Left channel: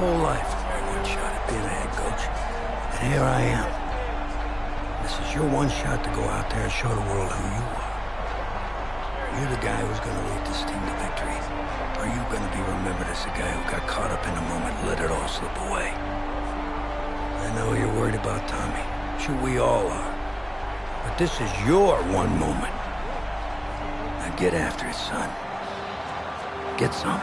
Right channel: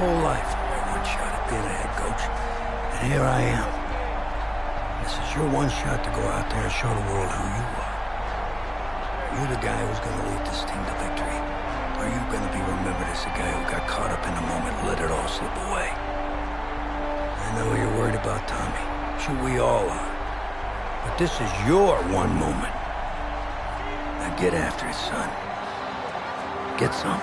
whole life for my one shot at being a head coach. And here I am. This is your one shot to go out there and show the world who you are. Are you the guy who's going to lead this team to victory? Or are you going to be remembered as the guy who got caught up in the moment and let it all slip away? I know you're worried about Tommy. Sure, we all are. But this is your one moment. Now get after it, son. Get some.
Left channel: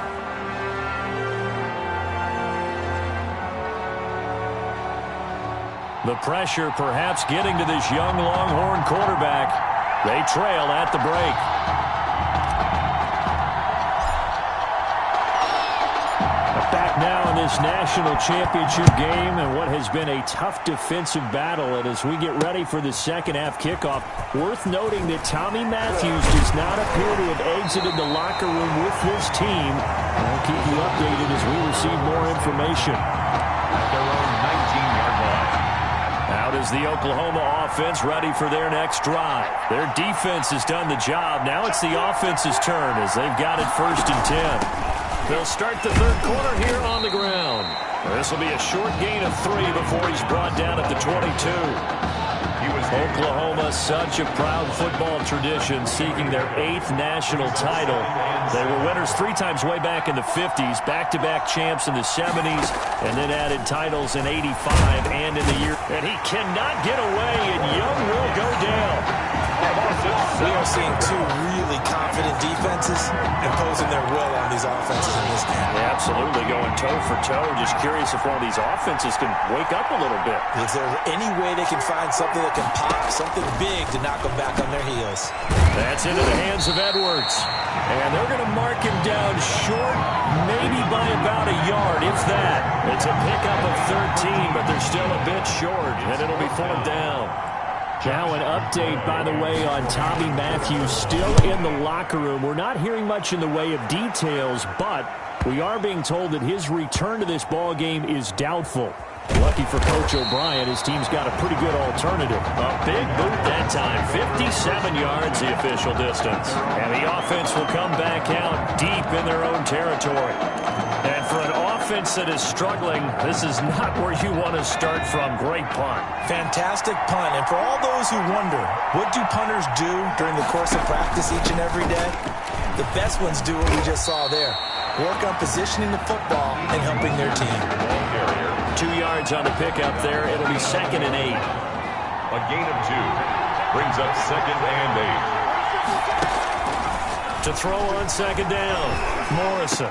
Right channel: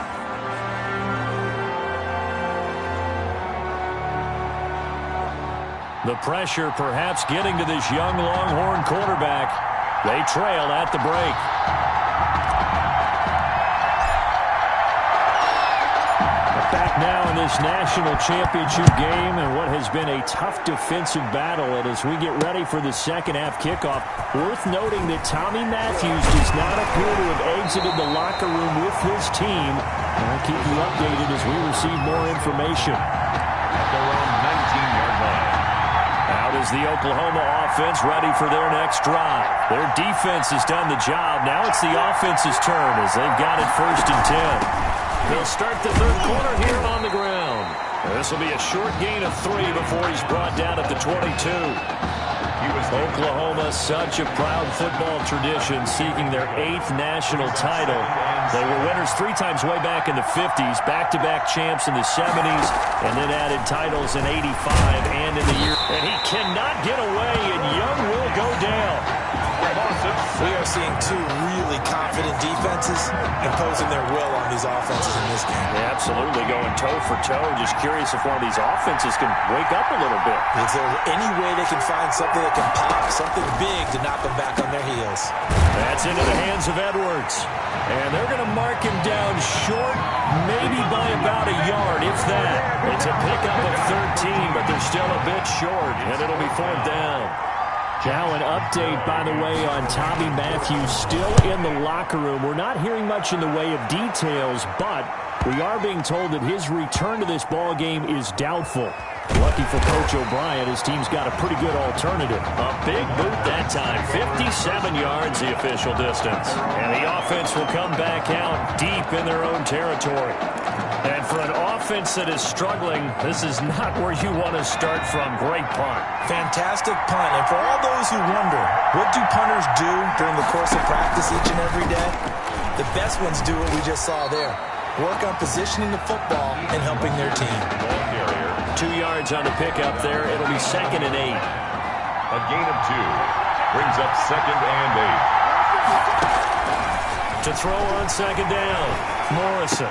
The pressure perhaps getting to this young Longhorn quarterback. They trail at the break. Back now in this national championship game and what has been a tough defensive battle. And as we get ready for the second half kickoff, worth noting that Tommy Matthews does not appear to have exited the locker room with his team. I'll keep you updated as we receive more information. At their own 19-yard line. Out is the Oklahoma offense ready for their next drive. Their defense has done the job. Now it's the offense's turn as they've got it 1st and 10. They'll start the third quarter here on the ground. This will be a short gain of 3 before he's brought down at the 22. Oklahoma, such a proud football tradition, seeking their 8th national title. They were winners 3 times way back in the 50s, back-to-back champs in the 70s, and then added titles in 85 and in the year. And he cannot get away, and Young will go down. We are seeing 2 really confident defenses imposing their will on these offenses in this game. Yeah, absolutely, going toe-for-toe. Just curious if one of these offenses can wake up a little bit. Is there any way they can find something that can pop, something big to knock them back on their heels? That's into the hands of Edwards. And they're going to mark him down short, maybe by about a yard, if that. It's a pickup of 13, but they're still a bit short, and it'll be 4th down. Now an update, by the way, on Tommy Matthews still in the locker room. We're not hearing much in the way of details, but we are being told that his return to this ball game is doubtful. Lucky for Coach O'Brien, his team's got a pretty good alternative. A big boot that time, 57 yards the official distance. And the offense will come back out deep in their own territory. And for an offense that is struggling, this is not where you want to start from. Great punt. Fantastic punt. And for all those who wonder, what do punters do during the course of practice each and every day? The best ones do what we just saw there. Work on positioning the football and helping their team. 2 yards on the pickup there. It'll be 2nd and 8. A gain of 2 brings up 2nd and 8. To throw on 2nd down, Morrison.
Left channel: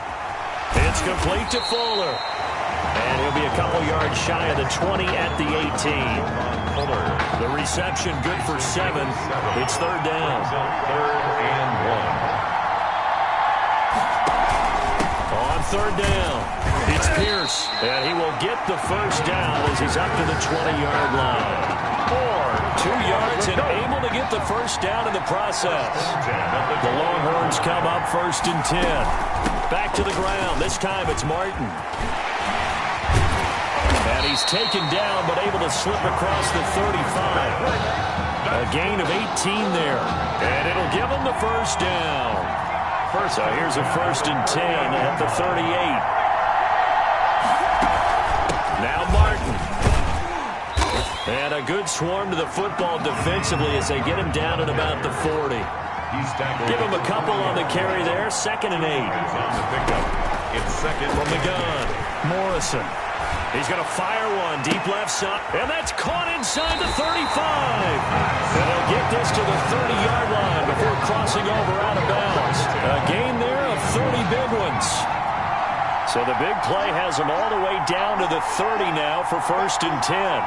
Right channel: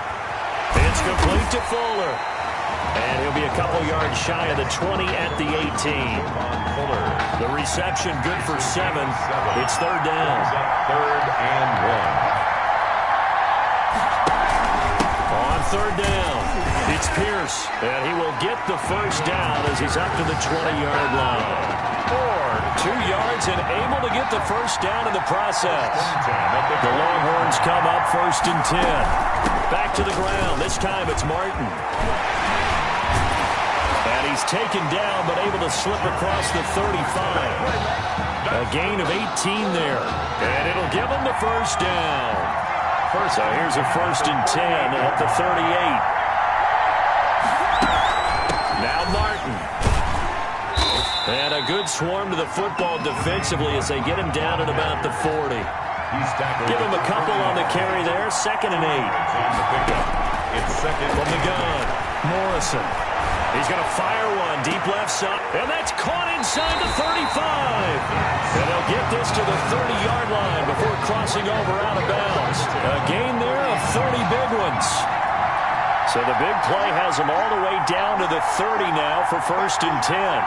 It's complete to Fuller. And he'll be a couple yards shy of the 20 at the 18. The reception good for 7. It's 3rd down. 3rd and 1. On 3rd down, it's Pierce. And he will get the 1st down as he's up to the 20-yard line. 2 yards and able to get the 1st down in the process. The Longhorns come up 1st and 10. Back to the ground. This time it's Martin. And he's taken down but able to slip across the 35. A gain of 18 there. And it'll give him the 1st down. So here's a 1st and 10 at the 38. Now Martin. And a good swarm to the football defensively as they get him down at about the 40. Give him a couple on the carry there. 2nd and 8. On the pickup. It's 2nd from the gun. Morrison. He's going to fire one deep left side. And that's caught inside the 35. And they'll get this to the 30-yard line before crossing over out of bounds. A gain there of 30 big ones. So the big play has them all the way down to the 30 now for 1st and 10.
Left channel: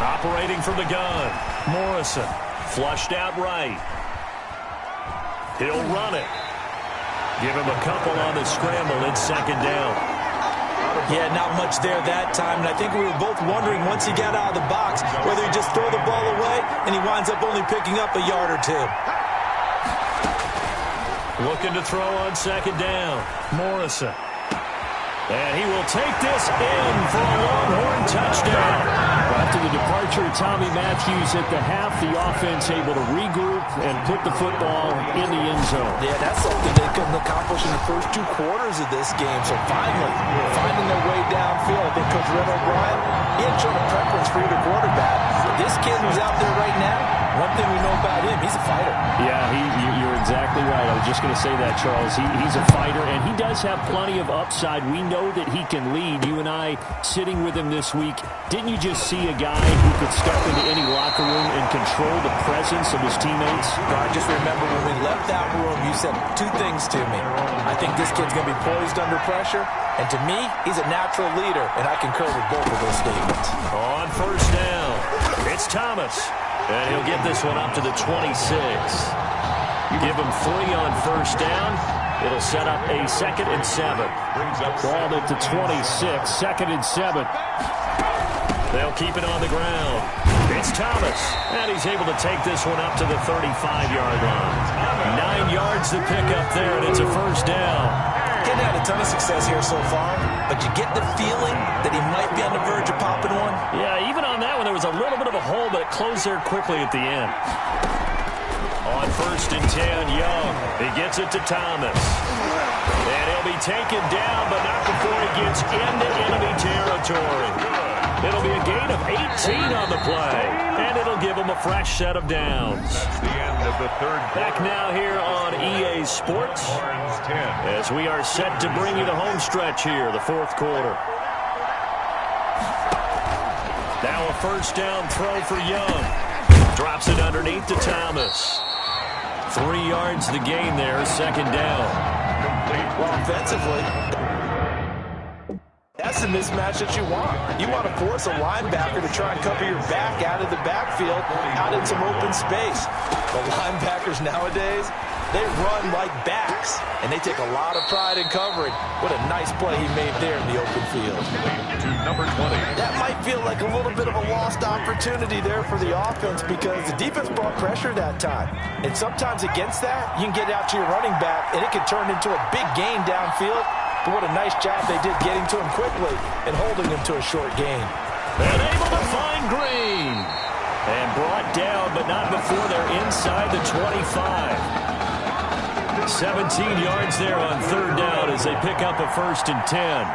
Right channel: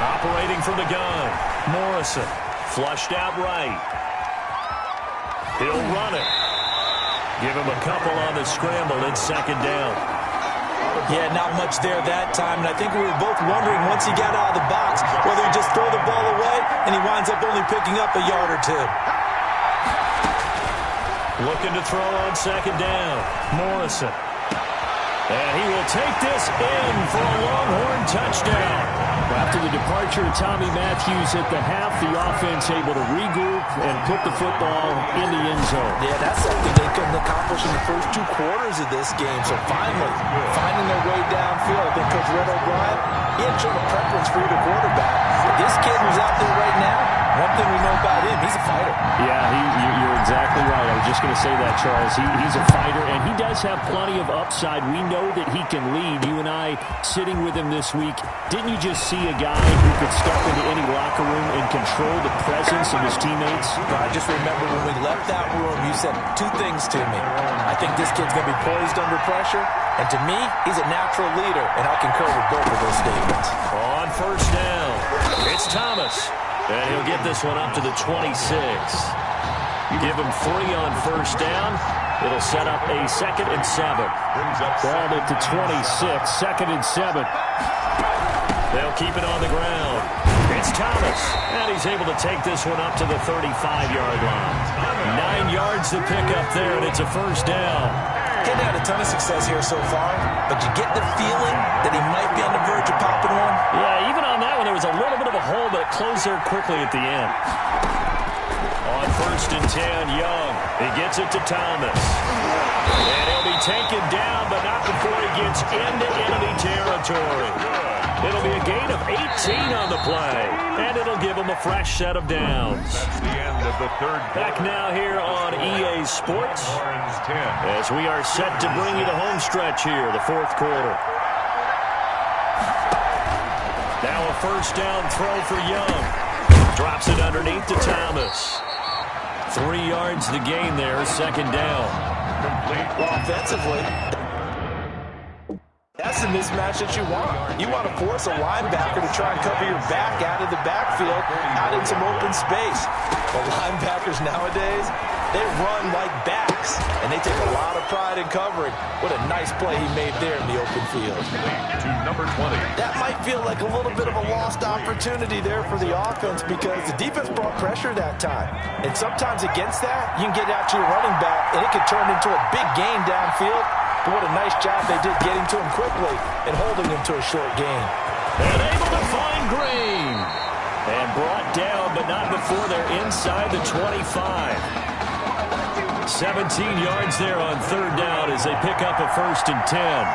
Operating from the gun. Morrison. Flushed out right. He'll run it. Give him a couple on the scramble. It's 2nd down. Yeah, not much there that time. And I think we were both wondering once he got out of the box whether he'd just throw the ball away and he winds up only picking up a yard or 2. Looking to throw on 2nd down. Morrison. And he will take this in for a Longhorn touchdown. Well, after the departure of Tommy Matthews at the half, the offense able to regroup and put the football in the end zone. Yeah, that's something they couldn't accomplish in the first 2 quarters of this game. So finally, finding their way downfield. I think Coach Red O'Brien, he had shown a preference for either quarterback. But this kid who's out there right now, one thing we know about him, he's a fighter. Yeah, you're exactly right. I was just going to say that, Charles. He's a fighter, and he does have plenty of upside. We know that he can lead. You and I sitting with him this week, didn't you just see a guy who could step into any locker room and control the presence of his teammates? I just remember when we left that room, you said 2 things to me. I think this kid's going to be poised under pressure, and to me, he's a natural leader, and I concur with both of those statements. On first down, it's Thomas. And he'll get this one up to the 26. Give him 3 on first down. It'll set up a 2nd and 7. Ball at the 26, 2nd and 7. They'll keep it on the ground. It's Thomas, and he's able to take this one up to the 35-yard line. 9 yards to pick up there, and it's a first down. He's had a ton of success here so far, but you get the feeling that he might be on the verge of popping one. Yeah, even on that one, there was a little bit of a hole, but it closed there quickly at the end. On first and 10, Young. He gets it to Thomas. And he'll be taken down, but not before he gets into enemy territory. It'll be a gain of 18 on the play, and it'll give him a fresh set of downs. That's the end of the 3rd quarter. Back now here on EA Sports as we are set to bring you the home stretch here, the 4th quarter. Now a first down throw for Young. Drops it underneath to Thomas. 3 yards the gain there, 2nd down. Complete. Well, offensively, that's the mismatch that you want. You want to force a linebacker to try and cover your back out of the backfield, out in some open space. The linebackers nowadays, they run like backs, and they take a lot of pride in covering. What a nice play he made there in the open field. To number 20. That might feel like a little bit of a lost opportunity there for the offense because the defense brought pressure that time. And sometimes against that, you can get out to your running back, and it can turn into a big gain downfield. But what a nice job they did getting to him quickly and holding him to a short gain. And able to find Green. And brought down, but not before they're inside the 25. 17 yards there on 3rd down as they pick up a 1st and 10.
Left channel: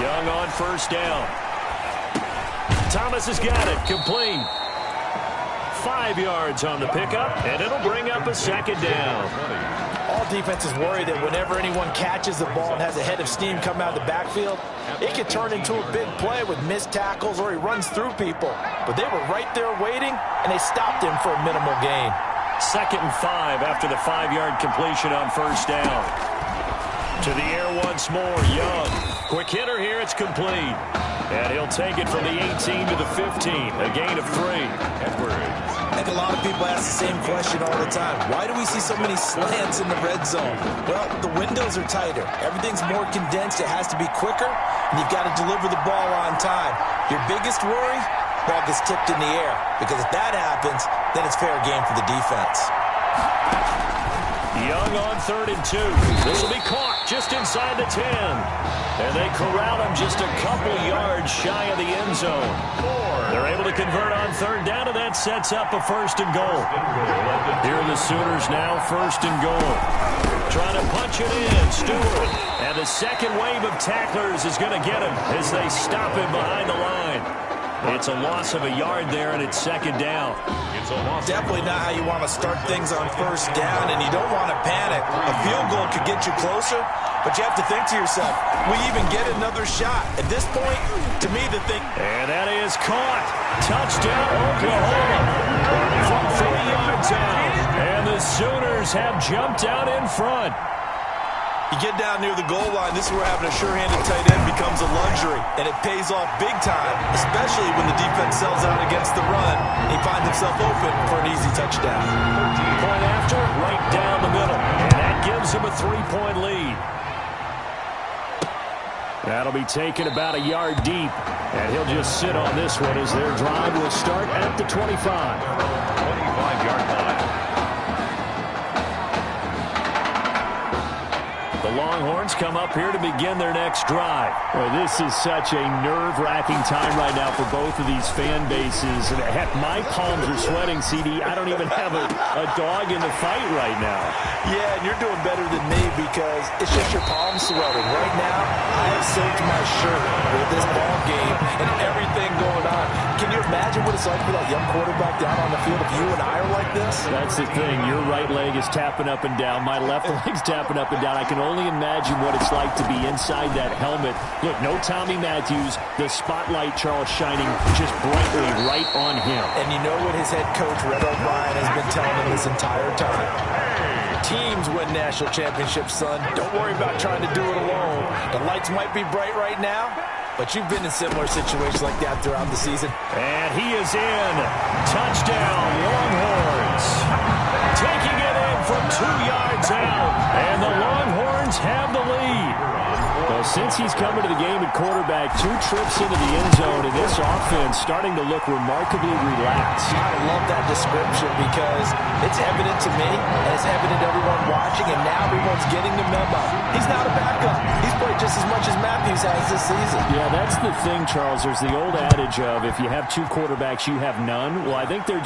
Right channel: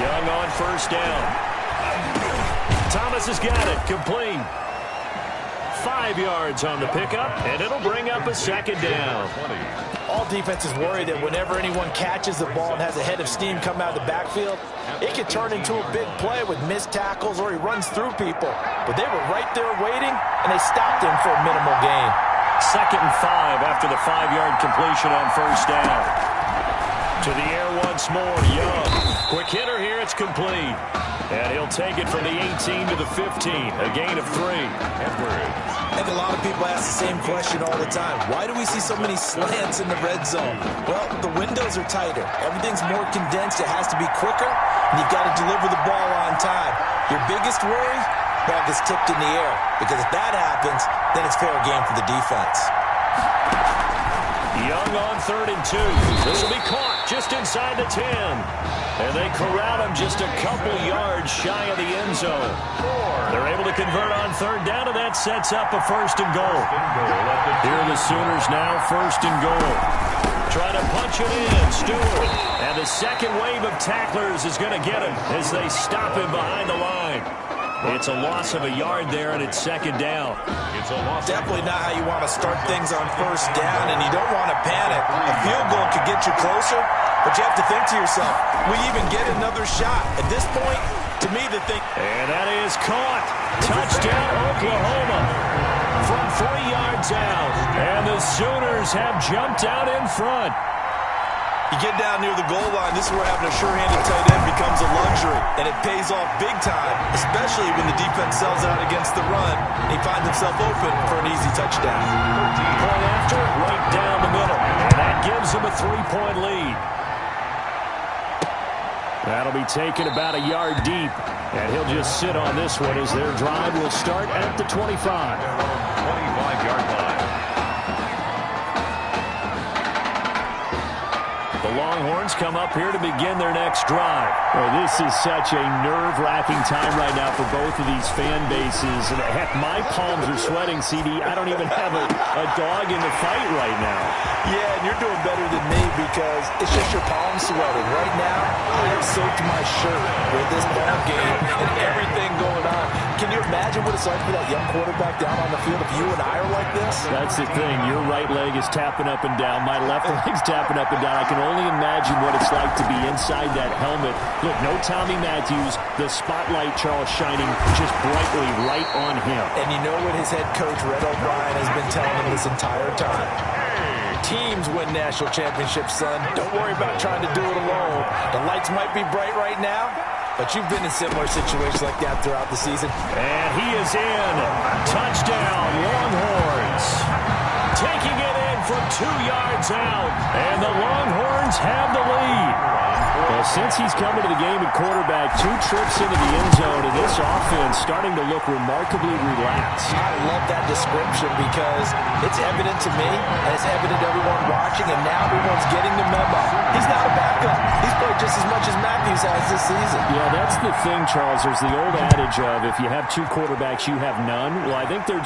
Young on first down. Thomas has got it. Complete. 5 yards on the pickup, and it'll bring up a 2nd down. All defenses worry that whenever anyone catches the ball and has a head of steam come out of the backfield, it can turn into a big play with missed tackles or he runs through people. But they were right there waiting, and they stopped him for a minimal gain. 2nd and 5 after the 5-yard completion on first down. To the air once more, Young. Quick hitter here, it's complete. And he'll take it from the 18 to the 15, a gain of 3. Edwards. I think a lot of people ask the same question all the time. Why do we see so many slants in the red zone? Well, the windows are tighter. Everything's more condensed. It has to be quicker, and you've got to deliver the ball on time. Your biggest worry? Ball gets tipped in the air, because if that happens, then it's fair game for the defense. Young on 3rd and 2. This will be caught just inside the 10. And they corral him just a couple yards shy of the end zone. They're able to convert on 3rd down, and that sets up a 1st and goal. Here are the Sooners now, 1st and goal. Trying to punch it in, Stewart. And the second wave of tacklers is going to get him as they stop him behind the line. It's a loss of a yard there, and it's 2nd down. It's a loss. Definitely not how you want to start things on first down, and you don't want to panic. A field goal could get you closer, but you have to think to yourself, will you even get another shot? At this point, to me, the thing... And that is caught. Touchdown, Oklahoma. From 3 yards out. And the Sooners have jumped out in front. You get down near the goal line, this is where having a sure-handed tight end becomes a luxury, and it pays off big time, especially when the defense sells out against the run, and he finds himself open for an easy touchdown. Point after, right down the middle, and that gives him a 3-point lead. That'll be taken about a yard deep, and he'll just sit on this one as their drive will start at the 25. 25-yard line. The Longhorns come up here to begin their next drive. Well, this is such a nerve-wracking time right now for both of these fan bases. And heck, my palms are sweating, CD. I don't even have a dog in the fight right now. Yeah, and you're doing better than me because it's just your palms sweating. Right now, I have soaked my shirt with this ball game and everything going on. Can you imagine what it's like for that young quarterback down on the field if you and I are like this? That's the thing. Your right leg is tapping up and down. My left leg's tapping up and down. I can only imagine what it's like to be inside that helmet. Look, no Tommy Matthews. The spotlight, Charles, shining just brightly right on him. And you know what his head coach, Red O'Brien, has been telling him this entire time? Teams win national championships, son. Don't worry about trying to do it alone. The lights might be bright right now, but you've been in similar situations like that throughout the season. And he is in. Touchdown, Longhorns. Taking it in from 2 yards out. And the Longhorns have the lead. Well, since he's coming to the game at quarterback, 2 trips into the end zone, and this offense starting to look remarkably relaxed. I love that description because it's evident to me, and it's evident to everyone watching, and now everyone's getting the memo. He's not a backup. He's played just as much as Matthews has this season. Yeah, that's the thing, Charles. There's the old adage of if you have 2 quarterbacks, you have none. Well, I think they're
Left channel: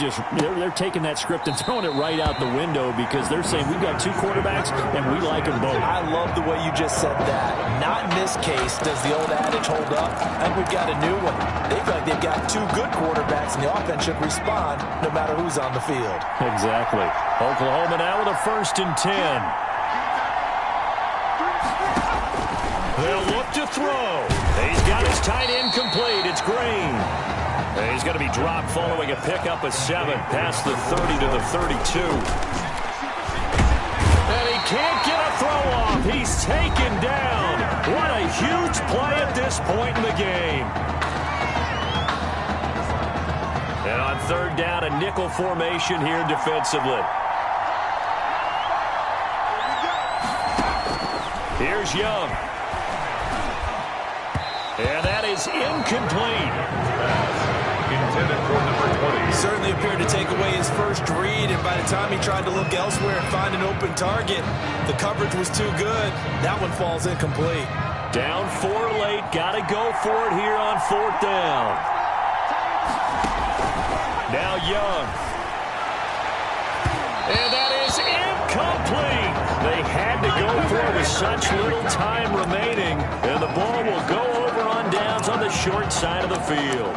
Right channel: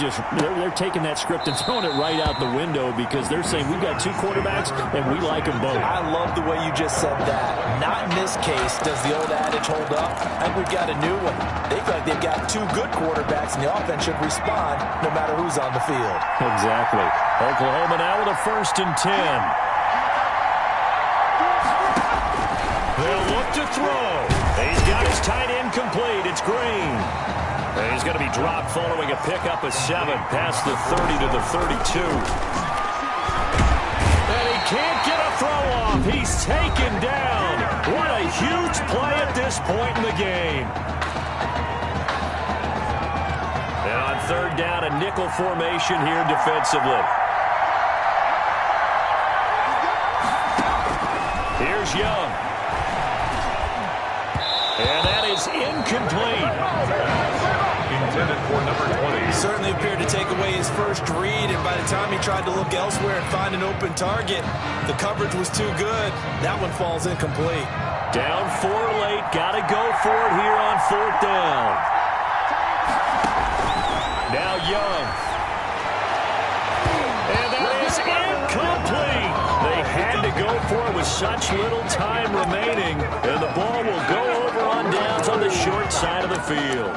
taking that script and throwing it right out the window because they're saying we've got 2 quarterbacks, and we like them both. I love the way you just said that. Not in this case does the old adage hold up. I think we've got a new one. They feel like they've got 2 good quarterbacks, and the offense should respond no matter who's on the field. Exactly. Oklahoma now with a 1st and 10. They'll look to throw. He's got his tight end complete. It's Green. And he's going to be dropped following a pickup of 7 past the 30 to the 32. And he can't get a throw off. He's taken down. What a huge play at this point in the game. And on 3rd down, a nickel formation here defensively. Here's Young. And that is incomplete. Intended for number 20. Certainly appeared to take away his first read, and by the time he tried to look elsewhere and find an open target, the coverage was too good. That one falls incomplete. Down 4 late. Got to go for it here on 4th down. Now Young. And that is incomplete. They had to go for it with such little time remaining. And the ball will go over on downs on the short side of the field.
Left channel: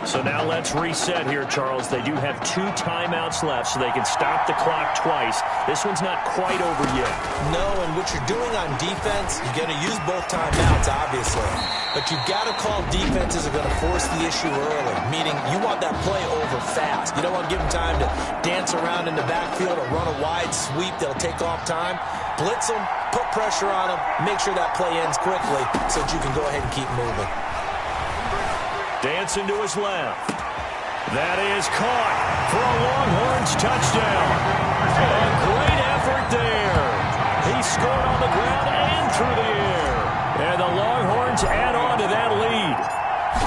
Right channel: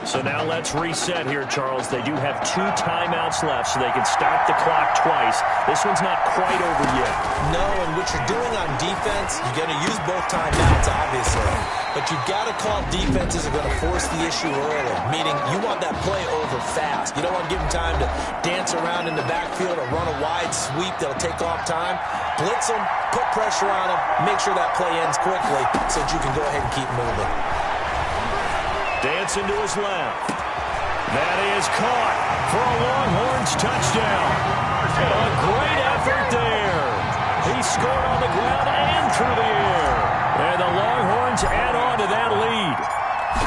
So now let's reset here, Charles. They do have 2 timeouts left, so they can stop the clock twice. This one's not quite over yet. No, and what you're doing on defense, you're going to use both timeouts, obviously. But you've got to call defenses are going to force the issue early, meaning you want that play over fast. You don't want to give them time to dance around in the backfield or run a wide sweep that'll take off time. Blitz them, put pressure on them, make sure that play ends quickly so that you can go ahead and keep moving. Dancing to his left. That is caught for a Longhorns touchdown. A great effort there. He scored on the ground and through the air. And the Longhorns add on to that lead.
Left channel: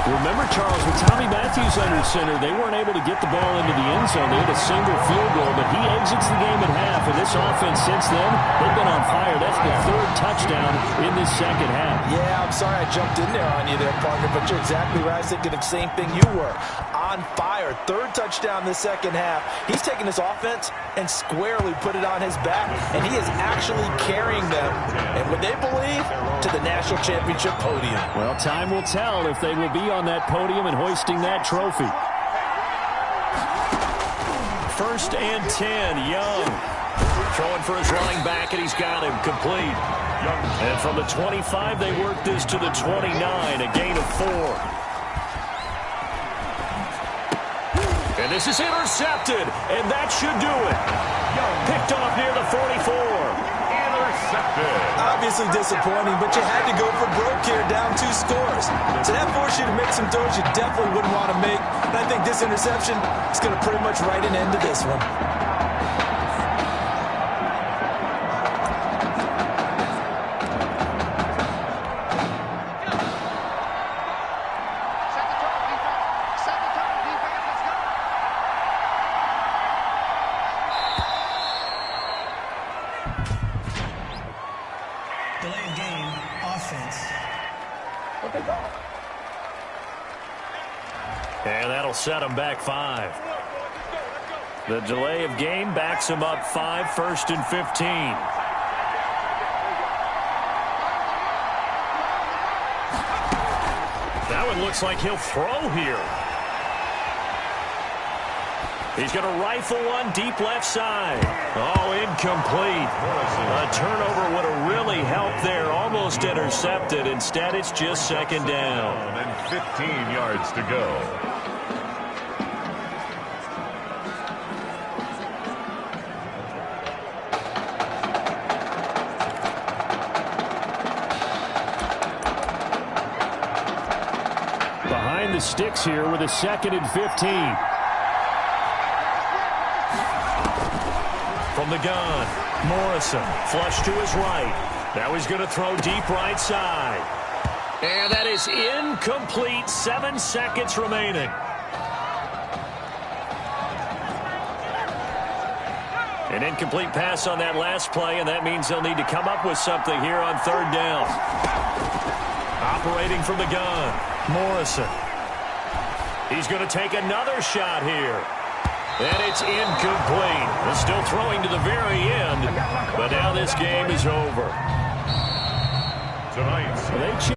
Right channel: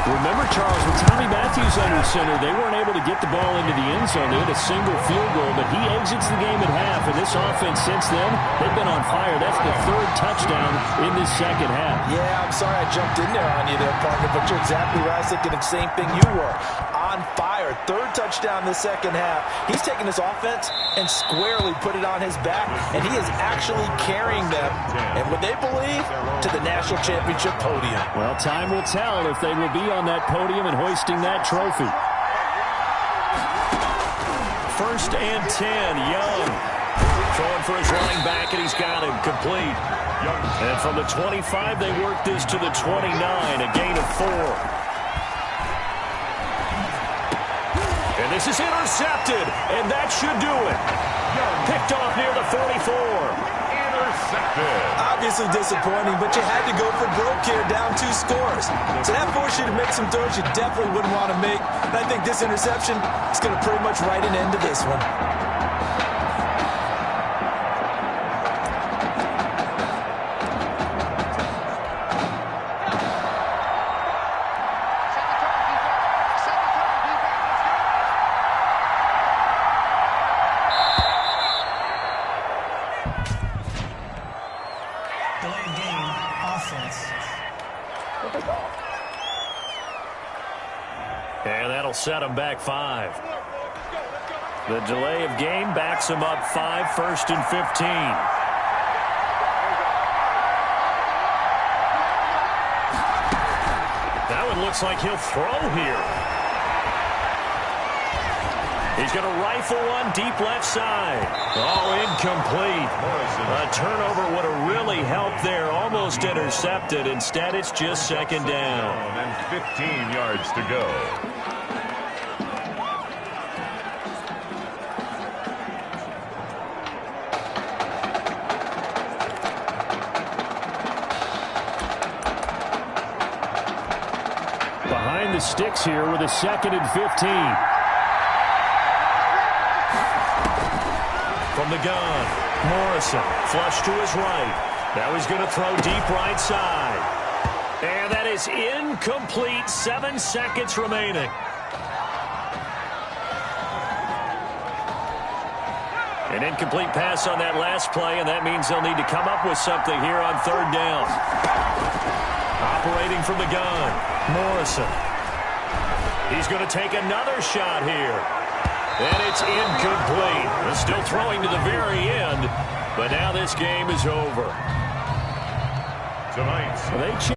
Remember, Charles, with Tommy Matthews under center, they weren't able to get the ball into the end zone. They had a single field goal, but he exits the game at half. And this offense since then, they've been on fire. That's the 3rd touchdown in this second half. Yeah, I'm sorry I jumped in there on you there, partner, but you're exactly right. I was thinking the same thing you were. On fire. 3rd touchdown this second half. He's taken his offense and squarely put it on his back, and he is actually carrying them, and what they believe, to the national championship podium. Well, time will tell if they will be on that podium and hoisting that trophy. 1st and 10, Young. Throwing for his running back, and he's got him complete. And from the 25, they work this to the 29, a gain of 4. And this is intercepted, and that should do it. Picked off near the 44. Intercepted. Obviously disappointing, but you had to go for broke here, down 2 scores. So that forced you to make some throws you definitely wouldn't want to make. And I think this interception is going to pretty much write an end to this one. And that'll set them back 5. The delay of game backs them up 5, 1st and 15. That one looks like he'll throw here. He's going to rifle one deep left side. Oh, incomplete. A turnover would have really helped there. Almost intercepted. Instead, it's just 2nd down. And 15 yards to go. Behind the sticks here with a 2nd and 15. From the gun, Morrison, flush to his right. Now he's going to throw deep right side. And that is incomplete. 7 seconds remaining. An incomplete pass on that last play, and that means they'll need to come up with something here on 3rd down. Operating from the gun, Morrison. He's going to take another shot here. And it's incomplete. They're still throwing to the very end, but now this game is over. Tonight.